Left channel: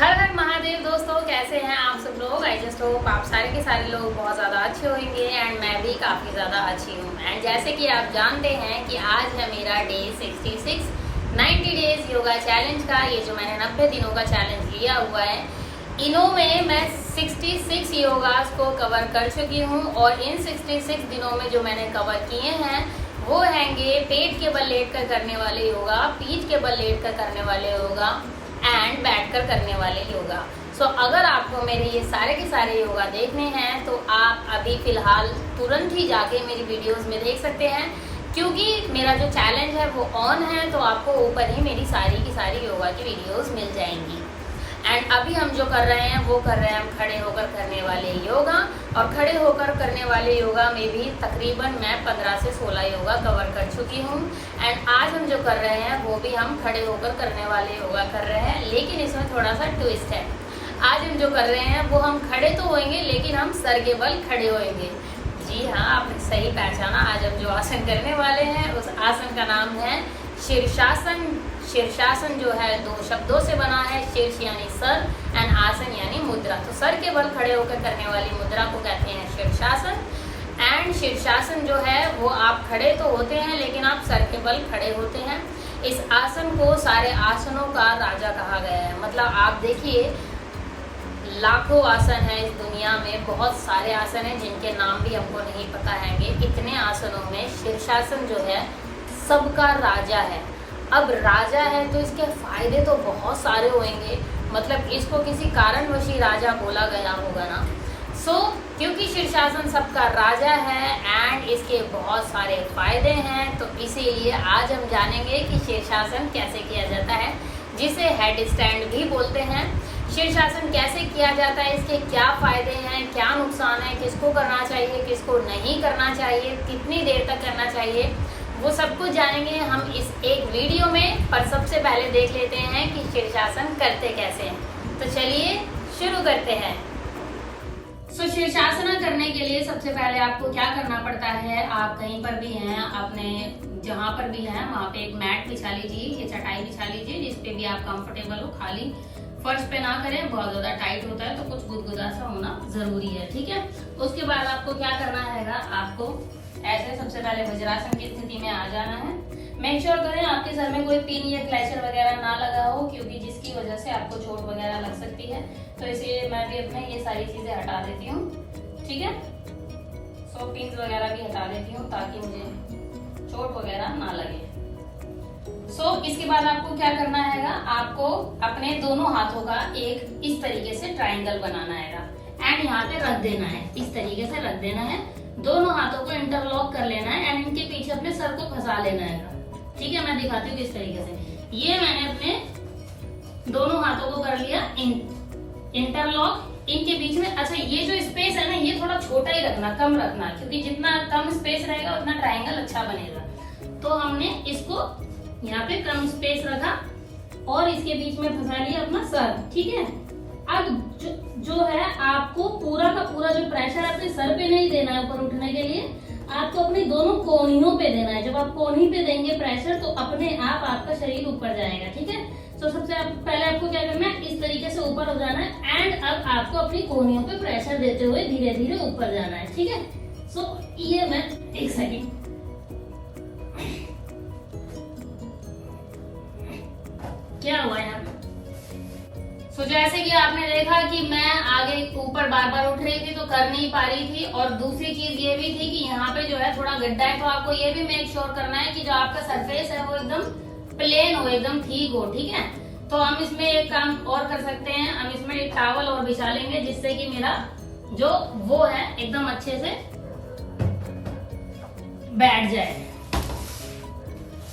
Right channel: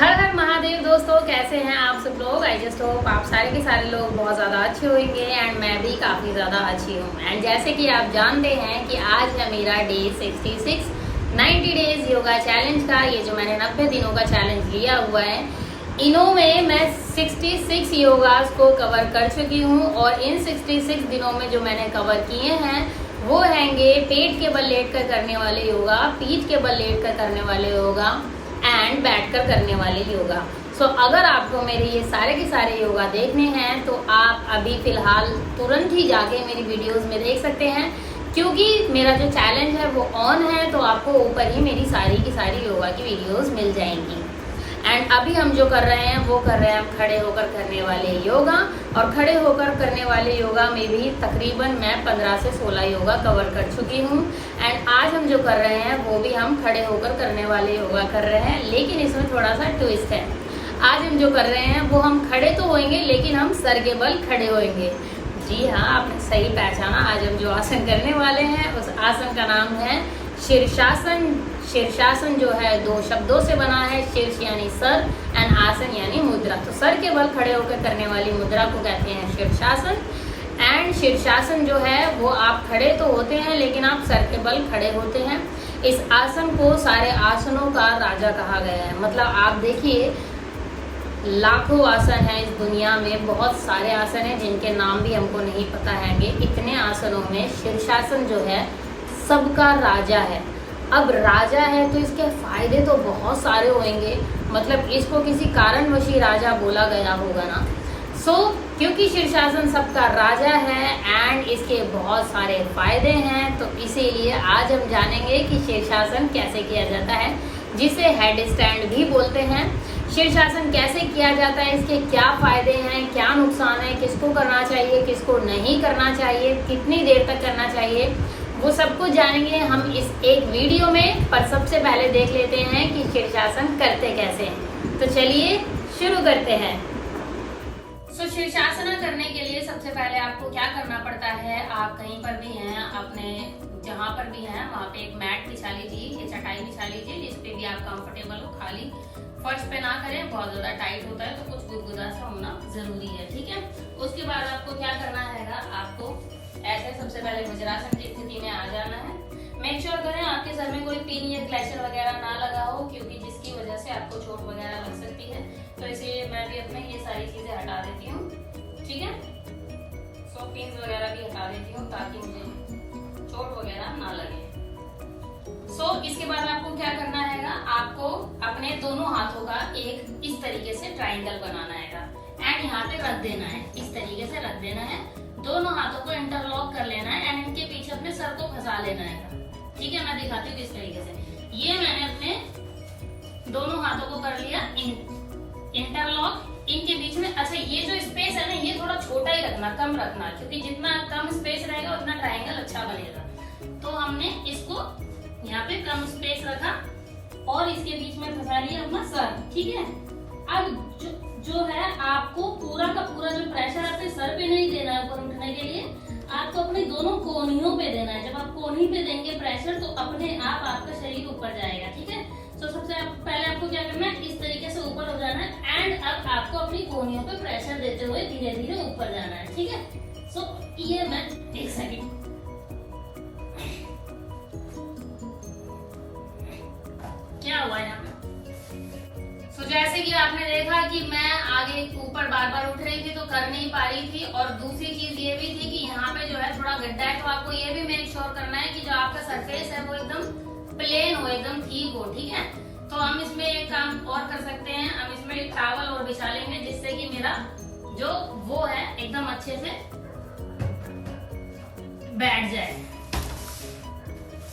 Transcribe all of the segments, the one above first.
हर हर महादेव दोस्तों, कैसे हैं आप सब लोग। आई जस्ट होप आप सारे के सारे लोग बहुत ज़्यादा अच्छे होंगे एंड मैं भी काफ़ी ज़्यादा अच्छी हूँ। एंड जैसे कि आप जानते हैं कि आज है मेरा डे 66 90 डेज योगा चैलेंज का। ये जो मैंने 90 दिनों का चैलेंज लिया हुआ है, इनों में मैं 66 योगास को कवर कर चुकी हूँ। और इन 66 दिनों में जो मैंने कवर किए हैं वो हैंगे पेट के बल लेट कर करने वाले योगा, पीठ के बल लेट कर करने वाले योगा एंड बैठकर करने वाले योगा। सो अगर आपको मेरे ये सारे के सारे योगा देखने हैं तो आप अभी फिलहाल तुरंत ही जाके मेरी वीडियोस में देख सकते हैं, क्योंकि मेरा जो चैलेंज है वो ऑन है। तो आपको ऊपर ही मेरी सारी की सारी योगा की वीडियोस मिल जाएंगी। एंड अभी हम जो कर रहे हैं वो कर रहे हैं हम खड़े होकर करने वाले योगा। और खड़े होकर करने वाले योगा में भी तकरीबन मैं 15 से 16 योगा कवर कर चुकी हूँ। एंड आज हम जो कर रहे हैं वो भी हम खड़े होकर करने वाले योगा कर रहे हैं, लेकिन इसमें थोड़ा सा ट्विस्ट है। आज हम जो कर रहे हैं वो हम खड़े तो होंगे लेकिन हम सर के बल खड़े होंगे। जी हाँ, आपने सही पहचाना। आज हम जो आसन करने वाले हैं उस आसन का नाम है शीर्षासन। शीर्षासन जो है 2 शब्दों से बना है, शीर्ष यानी सर एंड आसन यानी मुद्रा। तो सर के बल खड़े होकर करने वाली मुद्रा को कहते हैं शीर्षासन। एंड शीर्षासन जो है वो आप खड़े तो होते हैं लेकिन आप सर के बल खड़े होते हैं। इस आसन को सारे आसनों का राजा कहा गया है। मतलब आप देखिए, लाखों आसन है इस दुनिया में, बहुत सारे आसन हैं जिनके नाम भी हमको नहीं पता हैंगे। इतने आसनों में शीर्षासन जो है सबका राजा है। अब राजा है तो इसके फायदे तो बहुत सारे होंगे, मतलब इसको किसी कारणवश ही राजा बोला गया होगा ना। क्योंकि शीर्षासन सबका राजा है एंड इसके बहुत सारे फायदे हैं, तो इसीलिए आज हम जानेंगे कि शीर्षासन कैसे किया जाता है, जिसे हेड स्टैंड भी बोलते हैं। शीर्षासन कैसे किया जाता है, इसके क्या फायदे हैं, क्या नुकसान है, किसको करना चाहिए, किसको नहीं करना चाहिए, कितनी देर तक करना चाहिए, वो सब कुछ जानेंगे हम इस एक वीडियो में। पर सबसे पहले देख लेते हैं कि शीर्षासन करते कैसे हैं। तो चलिए शुरू करते हैं। शीर्षासन करने के लिए सबसे पहले आपको क्या करना पड़ता है, आप कहीं पर भी हैं, अपने जहाँ पर भी हैं वहाँ पे एक मैट बिछा लीजिए, ये चटाई बिछा लीजिए जिसपे भी आप कंफर्टेबल हो। खाली फर्श पे ना करें, बहुत ज्यादा टाइट होता है तो कुछ गुदगुदा सा होना जरूरी है, ठीक है। उसके बाद आपको क्या करना है, आपको ऐसे सबसे पहले वज्रासन की स्थिति में आ जाना है। मेक श्योर करें आपके सर में कोई पिन या क्लैचर वगैरह ना लगा हो, क्योंकि जिसकी वजह से आपको चोट वगैरह लग सकती है। तो इसलिए मैं भी अपने ये सारी चीजें हटा देती हूँ, ठीक है। पिन वगैरह भी हटा देती हूँ ताकि मुझे चोट वगैरह ना लगे। इसके बाद आपको क्या करना है, आपको अपने दोनों हाथों का एक इस तरीके से ट्राइंगल बनाना है एंड यहाँ पे रख देना है, इस तरीके से रख देना है। दोनों हाथों को इंटरलॉक कर लेना है एंड इनके पीछे अपने सर को फंसा लेना है, ठीक है। मैं दिखाती हूँ किस तरीके से। ये मैंने अपने दोनों हाथों को कर लिया इंटरलॉक इनके बीच में। अच्छा, ये जो स्पेस है ना, ये थोड़ा छोटा ही रखना, कम रखना, क्योंकि जितना कम स्पेस रहेगा उतना ट्रायंगल अच्छा बनेगा। तो हमने इसको यहाँ पे कम स्पेस रखा और इसके बीच में फंसा लिया अपना सर, ठीक है। अब जो है आपको पूरा का पूरा जो प्रेशर अपने सर पे नहीं देना है ऊपर उठने के लिए, आपको अपनी दोनों कोहनियों पे देना है। जब आप कोहनी पे देंगे प्रेशर तो अपने आप आपका शरीर ऊपर जाएगा, ठीक है। सबसे पहले आपको क्या करना है, इस तरीके से ऊपर हो जाना है एंड अब आपको अपनी कोहनियों पे प्रेशर देते हुए धीरे धीरे ऊपर जाना है, ठीक है। ये मैं एक सेकंड, क्या हुआ यहाँ पे। जैसे कि आपने देखा कि मैं आगे ऊपर बार बार उठ रही थी तो कर नहीं पा रही थी। और दूसरी चीज ये भी थी कि यहाँ पे जो है थोड़ा गड्ढा है, तो आपको ये भी मेक श्योर करना है कि जो आपका सरफेस है वो एकदम प्लेन हो, एकदम ठीक हो, ठीक है। तो हम इसमें एक काम और कर सकते हैं, हम इसमें एक टॉवल और बिछा लेंगे जिससे कि मेरा जो वो है एकदम अच्छे से बैठ जाए।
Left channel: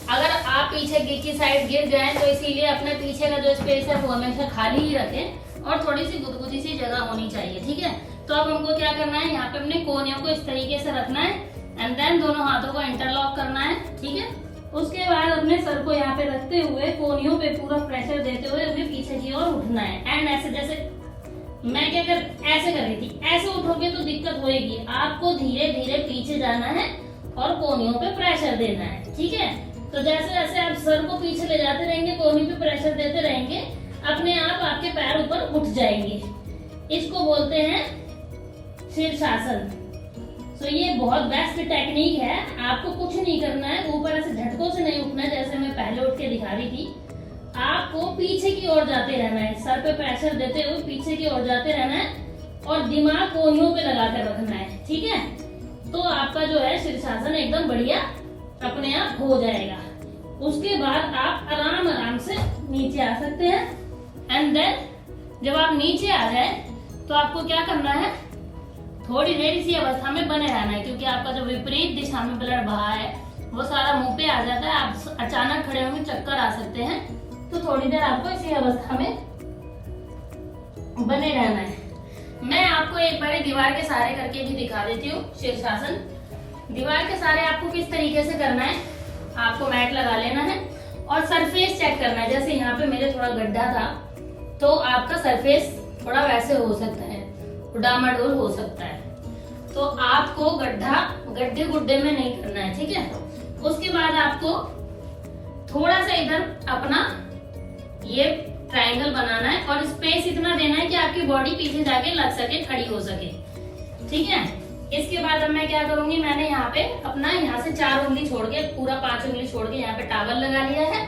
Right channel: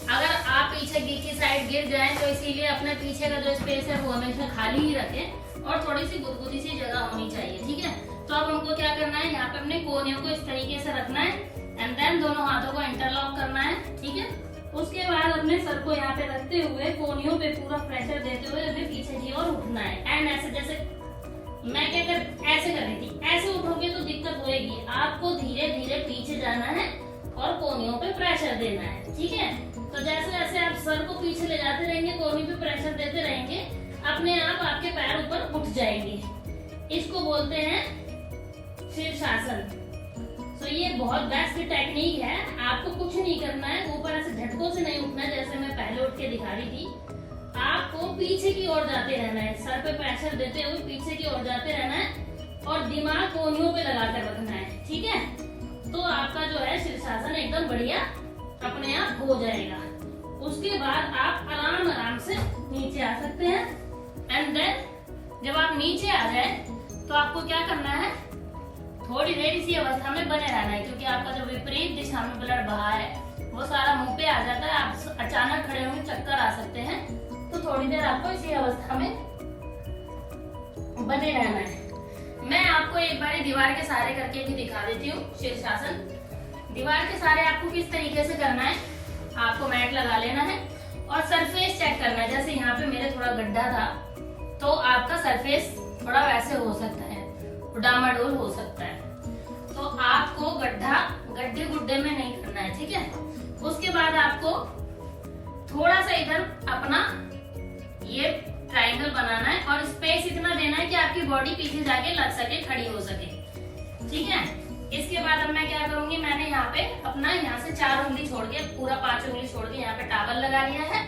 अगर आप पीछे की साइड गिर जाए तो इसीलिए अपने पीछे का जो स्पेस है वो हमेशा खाली ही रखें और थोड़ी सी गुदगुदी सी जगह होनी चाहिए, ठीक है। तो अब हमको क्या करना है, यहाँ पे अपने कोहनियों को इस तरीके से रखना है एंड देन दोनों हाथों को इंटरलॉक करना है, ठीक है। उसके बाद अपने सर को यहाँ पे रखते हुए कोहनियों पे पूरा प्रेशर देते हुए अपने पीछे की ओर उठना है। एंड ऐसे जैसे मैं क्या ऐसे कर रही थी, ऐसे उठोगे तो दिक्कत होगी। आपको धीरे धीरे पीछे जाना है और कोहनियों पे प्रेशर देना है, ठीक है। तो जैसे जैसे आप सर को पीछे ले जाते रहेंगे, कोहनी पे प्रेशर देते रहेंगे, अपने आप आपके पैर ऊपर उठ जाएंगे। इसको बोलते हैं शीर्षासन। तो ये बहुत बेस्ट टेक्निक है। आपको कुछ नहीं करना है, ऊपर ऐसे झटकों से नहीं उठना है जैसे मैं पहले उठ के दिखा रही थी। आपको पीछे की ओर जाते रहना है, सर पे प्रेशर देते हुए पीछे की ओर जाते रहना है और दिमाग कोहनियों पे लगा कर रखना है, ठीक है। तो आपका जो है शीर्षासन एकदम बढ़िया अपने आप हो जाएगा। उसके बाद आप आराम आराम से नीचे आ सकते हैं। एंड देन जब आप नीचे आ जाए तो आपको क्या करना है, थोड़ी देर इसी अवस्था में बने रहना है, क्योंकि आपका जो विपरीत दिशा में ब्लड बहा है वो सारा मुंह पे आ जाता है। आप अचानक खड़े होंगे, चक्कर आ सकते हैं, तो थोड़ी देर आपको इसी अवस्था में बने रहना है। मैं आपको एक बार दीवार के सहारे करके भी दिखा देती हूँ शीर्षासन। दीवार के सहारे आपको किस तरीके से करना है, आपको मैट लगा लेना है और सरफेस चेक करना है। जैसे यहाँ पे मेरे थोड़ा गड्ढा था, तो आपका सरफेस थोड़ा वैसे हो सकता है, डामाडोल हो सकता है। तो आपको गड्ढे गुड्ढे में नहीं करना है, ठीक है। उसके बाद आपको थोड़ा सा इधर अपना ये ट्रायंगल बनाना है और स्पेस इतना देना है कि आपकी बॉडी पीछे जाके लग सके, खड़ी हो सके, ठीक है। इसके बाद अब मैं क्या करूंगी, मैंने यहाँ पे अपना यहाँ से 4 उंगली छोड़ के, पूरा 5 उंगली छोड़ के यहाँ पे टॉवल लगा लिया है।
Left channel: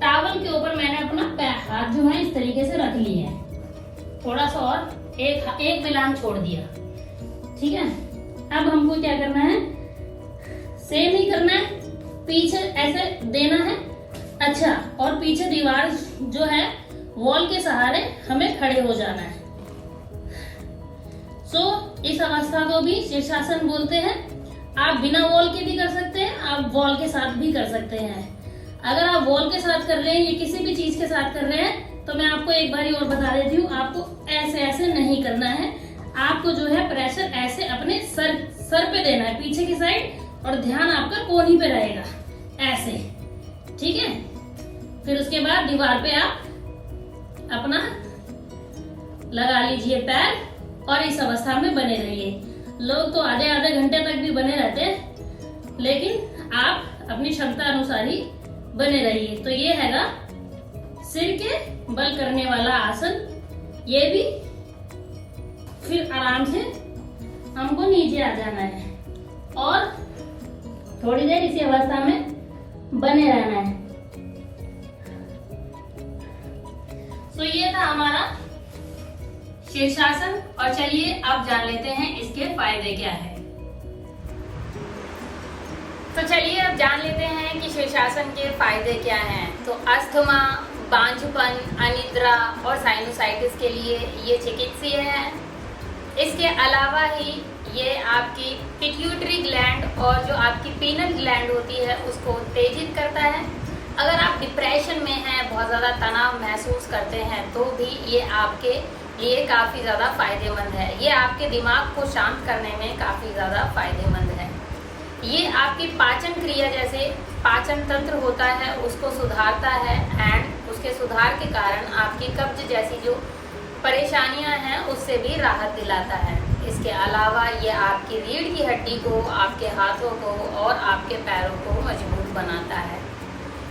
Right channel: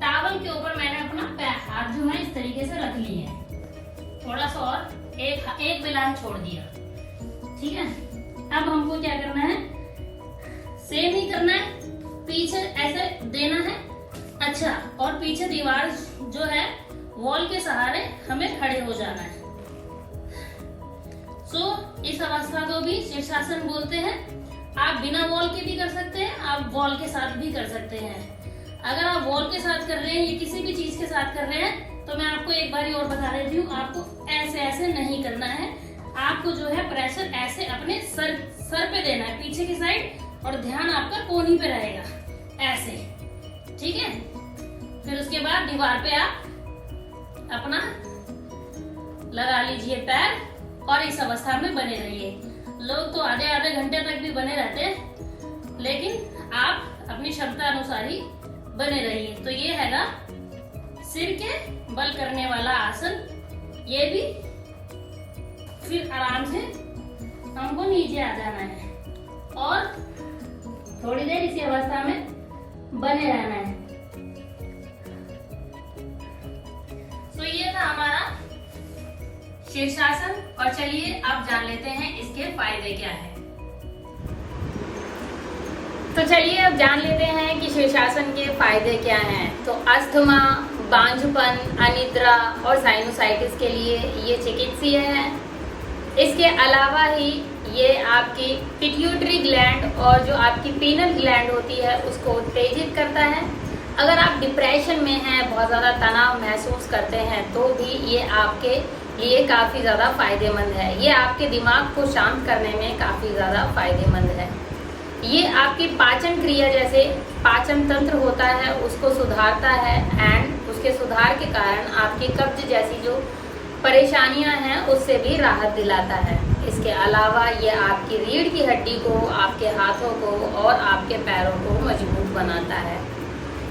टॉवल के ऊपर मैंने अपना हाथ जो है इस तरीके से रख लिए है, थोड़ा सा और एक मिलान छोड़ दिया, ठीक है। अब हमको क्या करना है, सेम ही करना है, पीछे ऐसे देना है, अच्छा, और पीछे दीवार जो है वॉल के सहारे हमें खड़े हो जाना है। इस अवस्था को भी शीर्षासन बोलते हैं। आप बिना वॉल के भी कर सकते हैं, आप वॉल के साथ भी कर सकते हैं। अगर आप वॉल के साथ कर रहे हैं या किसी भी चीज के साथ कर रहे हैं, तो मैं आपको एक बार और बता देती हूँ, आपको ऐसे नहीं करना है। आपको जो है प्रेशर ऐसे अपने सर पे देना है, पीछे की साइड, और ध्यान आपका कोहनी पे रहेगा, ऐसे, ठीक है। फिर उसके बाद दीवार पे आप अपना लगा लीजिए पैर और इस अवस्था में बने रहिए। लोग तो आधे घंटे तक भी बने रहते हैं, लेकिन आप अपनी क्षमता अनुसार ही बने रहिए। तो ये हैगा सिर के बल करने वाला आसन। ये भी फिर आराम से हमको नीचे आ जाना है और थोड़ी देर इसी अवस्था में बने रहना है। तो ये था हमारा शीर्षासन। और चलिए अब जान लेते हैं इसके फायदे क्या है। तो चलिए अब जान लेते हैं कि शीर्षासन के फायदे क्या हैं। तो अस्थमा, बांझपन, अनिद्रा और साइनोसाइटिस के लिए ये चिकित्सीय है। इसके अलावा ही ये आपकी पिट्यूटरी ग्लैंड और जो आपकी पीनल ग्लैंड होती है उसको उत्तेजित करता है। अगर आप डिप्रेशन में हैं, बहुत ज़्यादा तनाव महसूस करते हैं, तो भी ये आपके लिए काफ़ी ज़्यादा फायदेमंद है। ये आपके दिमाग को शांत करने में काफ़ी ज़्यादा फायदेमंद है। ये आपकी पाचन क्रिया, जैसे पाचन तंत्र होता है, उसको सुधारता है एंड उसके सुधार के कारण आपकी कब्ज जैसी जो परेशानियां हैं उससे भी राहत दिलाता है। इसके अलावा ये आपकी रीढ़ की हड्डी को, आपके हाथों को और आपके पैरों को मजबूत बनाता है।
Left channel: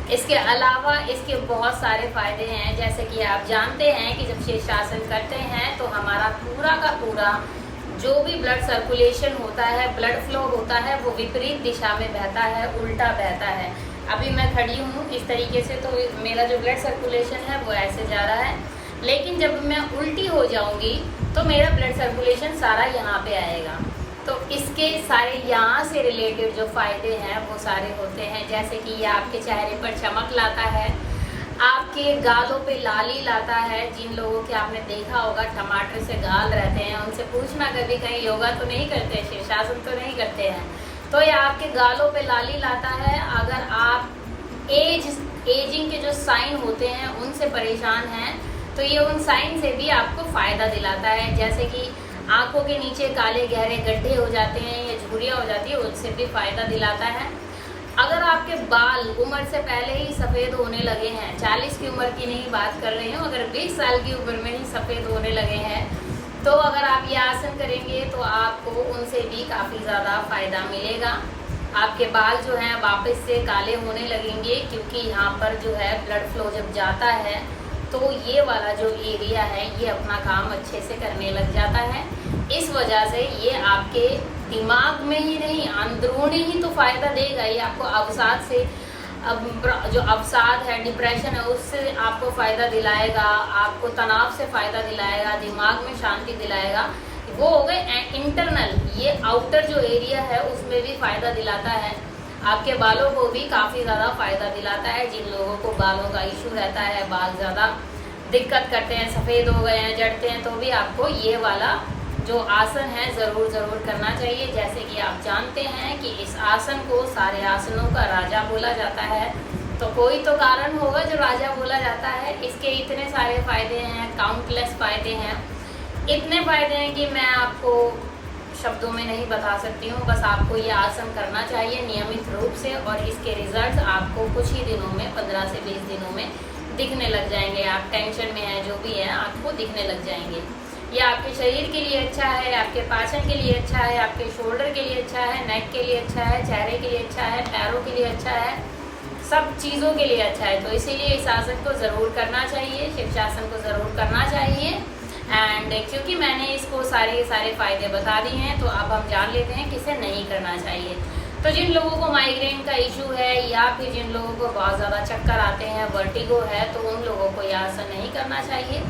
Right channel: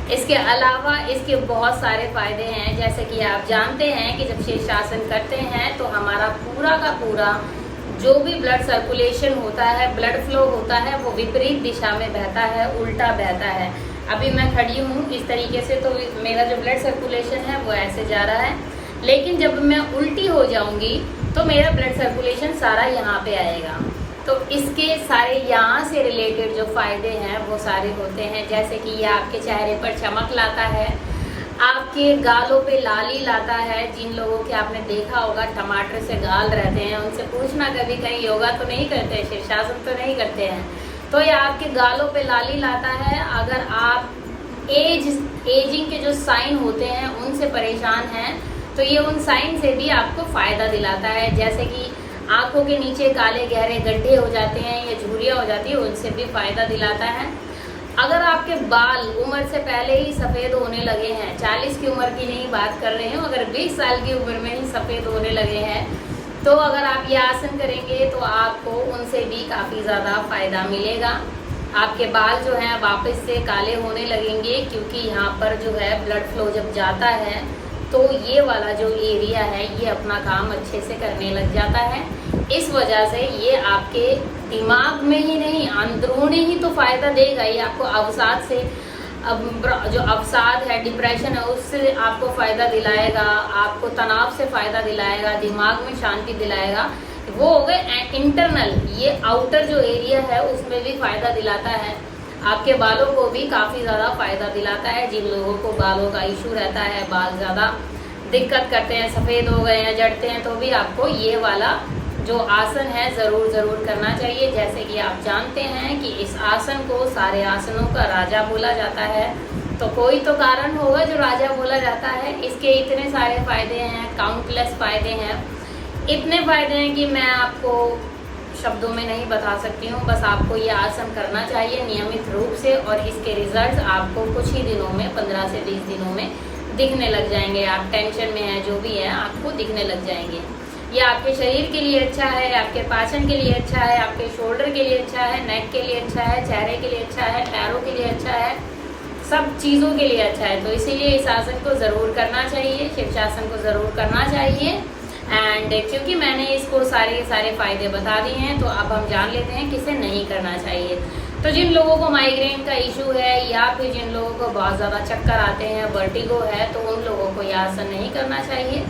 इसके अलावा इसके बहुत सारे फायदे हैं। जैसे कि आप जानते हैं कि जब शीर्षासन करते हैं तो हमारा पूरा का पूरा जो भी ब्लड सर्कुलेशन होता है, ब्लड फ्लो होता है, वो विपरीत दिशा में बहता है, उल्टा बहता है। अभी मैं खड़ी हूँ इस तरीके से, तो मेरा जो ब्लड सर्कुलेशन है वो ऐसे जा रहा है, लेकिन जब मैं उल्टी हो जाऊंगी तो मेरा ब्लड सर्कुलेशन सारा यहाँ पे आएगा। तो इसके सारे यहाँ से रिलेटेड जो फायदे हैं वो सारे होते हैं। जैसे कि ये आपके चेहरे पर चमक लाता है, आपके गालों पे लाली लाता है। जिन लोगों के आपने देखा होगा टमाटर से गाल रहते हैं, उनसे पूछना कभी कहीं योगा तो नहीं करते, शीर्षासन तो नहीं करते हैं, तो ये आपके गालों पे लाली लाता है। अगर आप एजिंग के जो साइन होते हैं उनसे परेशान हैं, तो ये उन साइन से भी आपको फ़ायदा दिलाता है। जैसे कि आंखों के नीचे काले गहरे गड्ढे हो जाते हैं या झुर्रियाँ हो जाती है, उनसे भी फ़ायदा दिलाता है। अगर आपके बाल उम्र से पहले ही सफ़ेद होने लगे हैं, 40 की उम्र की नहीं बात कर रही हूँ, अगर 20 साल की उम्र में ही सफ़ेद होने लगे हैं, तो अगर आप ये आसन करेंगे तो आपको उनसे भी काफ़ी ज़्यादा फ़ायदा मिलेगा। आपके बाल जो हैं वापस से काले होने लगेंगे, क्योंकि यहाँ पर जो है ब्लड फ्लो जब जाता है तो ये वाला जो एरिया है ये अपना काम अच्छे से करने लग जाता है। इस वजह से ये आपके दिमाग में ही नहीं, अंदरूनी ही तो फायदा देगा। ये आपको अवसाद से, अब जो अवसाद है, डिप्रेशन है, उससे आपको फायदा दिलाएगा, आपको तनाव से फायदा दिलाएगा, दिमाग में शांति दिलाएगा। वो हो गए इंटरनल। ये आउटर जो एरिया है उसमें भी फायदा दिलाता है, आपके बालों को भी काफी ज्यादा फायदा दिलाता है। जिन लोगों को बालों का इशू रहता है, बाल ज्यादा दिक्कत करते हैं, सफेद हो गए हैं, जड़ते हैं, तो भी आपको ये वाला जो आसन है जरूर करना चाहिए। जैसे कि आप जानते हैं कि इस आसन को सारे आसनों का राजा बोला जाता है, तो कोई तो कारण होगा जो राजा बोला जाता है। इसके इतने सारे फायदे हैं, काउंटलेस फायदे हैं, इतने फायदे हैं कि मैं आपको शब्दों में नहीं बता सकती हूँ। बस आपको ये आसन करना चाहिए नियमित रूप से, और इसके रिजल्ट्स आपको कुछ ही दिनों में, 15 से 20 दिनों में दिखने लग जाएंगे। आप टेंशन में हैं, जो भी है, आपको दिखने लग जाएंगे। ये आपके शरीर के लिए अच्छा है, आपके पाचन के लिए अच्छा है, आपके शोल्डर के लिए अच्छा है, नेक के लिए अच्छा है, चेहरे के लिए अच्छा है, पैरों के लिए अच्छा है, सब चीज़ों के लिए अच्छा है। तो इसीलिए इस आसन को ज़रूर करना चाहिए, शीर्षासन को ज़रूर करना चाहिए। एंड क्योंकि मैंने इसको सारे फायदे बता दिए हैं, तो अब हम जान लेते हैं किसे नहीं करना चाहिए। तो जिन लोगों को माइग्रेन का इशू है, या फिर जिन लोगों को बहुत ज़्यादा चक्कर आते हैं, वर्टिगो है, तो उन लोगों को यह आसन नहीं करना चाहिए।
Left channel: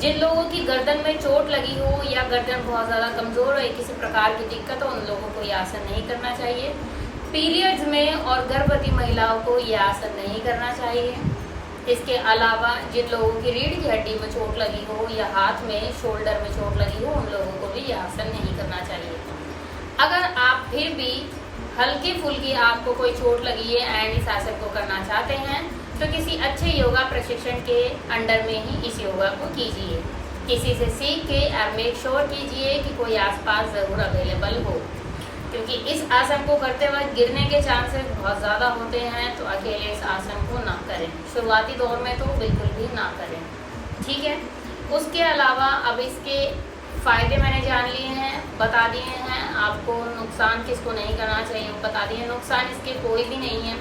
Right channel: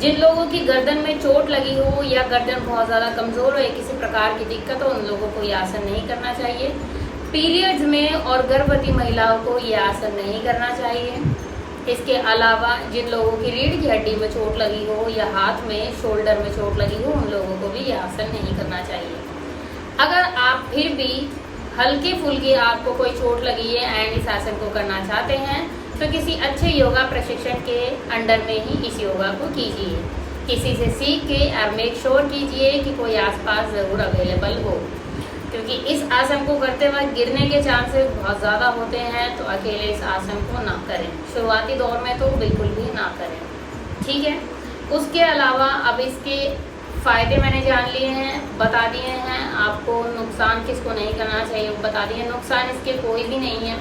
जिन लोगों की गर्दन में चोट लगी हो, या गर्दन बहुत ज़्यादा कमज़ोर हो, या किसी प्रकार की दिक्कत हो, उन लोगों को यह आसन नहीं करना चाहिए। पीरियड्स में और गर्भवती महिलाओं को यह आसन नहीं करना चाहिए। इसके अलावा जिन लोगों की रीढ़ की हड्डी में चोट लगी हो, या हाथ में, शोल्डर में चोट लगी हो, उन लोगों को भी यह आसन नहीं करना चाहिए। अगर आप फिर भी हल्की फुल्की आपको कोई चोट लगी है एंड इस आसन को करना चाहते हैं, तो किसी अच्छे योगा प्रशिक्षण के अंडर में ही इस योगा को कीजिए। किसी से सीख के और मेक श्योर कीजिए कि कोई आसपास ज़रूर अवेलेबल हो, क्योंकि इस आसन को करते वक्त गिरने के चांसेस बहुत ज़्यादा होते हैं। तो अकेले इस आसन को ना करें, शुरुआती दौर में तो बिल्कुल भी ना करें, ठीक है। उसके अलावा अब इसके फ़ायदे मैंने जान लिए हैं, बता दिए हैं आपको। नुकसान किसको नहीं करना चाहिए वो बता दिए। नुकसान इसके कोई भी नहीं है,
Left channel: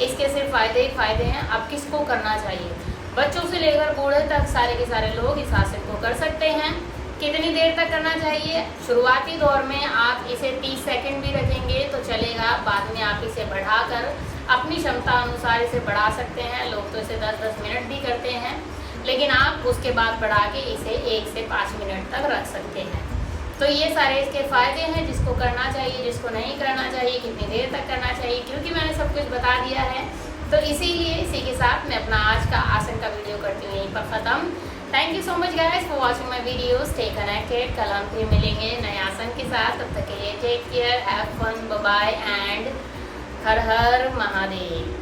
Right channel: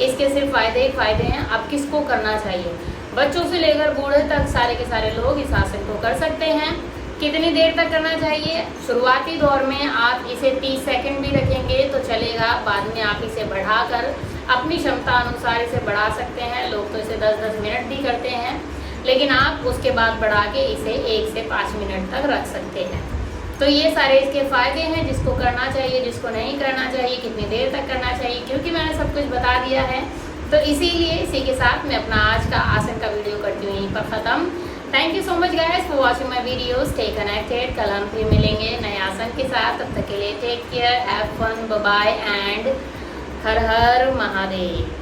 इसके सिर्फ फ़ायदे ही फ़ायदे हैं। अब किसको करना चाहिए? बच्चों से लेकर बूढ़े तक सारे के सारे लोग इस आसन को कर सकते हैं। कितनी देर तक करना चाहिए? शुरुआती दौर में आप इसे 30 सेकंड भी रखेंगे तो चलेगा, बाद में आप इसे बढ़ाकर अपनी क्षमता अनुसार इसे बढ़ा सकते हैं। लोग तो इसे 10-10 मिनट भी करते हैं, लेकिन आप उसके बाद बढ़ा के इसे 1 से 5 मिनट तक रख सकते हैं। तो ये सारे इसके फ़ायदे हैं, जिसको करना चाहिए, जिसको नहीं करना चाहिए, कितनी देर तक करना चाहिए, क्योंकि मैंने सब कुछ बता दिया है। तो इसीलिए इसी के साथ मैं अपना आज का आसन का वीडियो करती हूँ यहीं पर ख़त्म। Thank you so much guys for watching my video. Stay connected. कल हम फिर मिलेंगे नए आसन के साथ। तब तक के लिए take care, have fun, bye bye and Har Har Mahadev.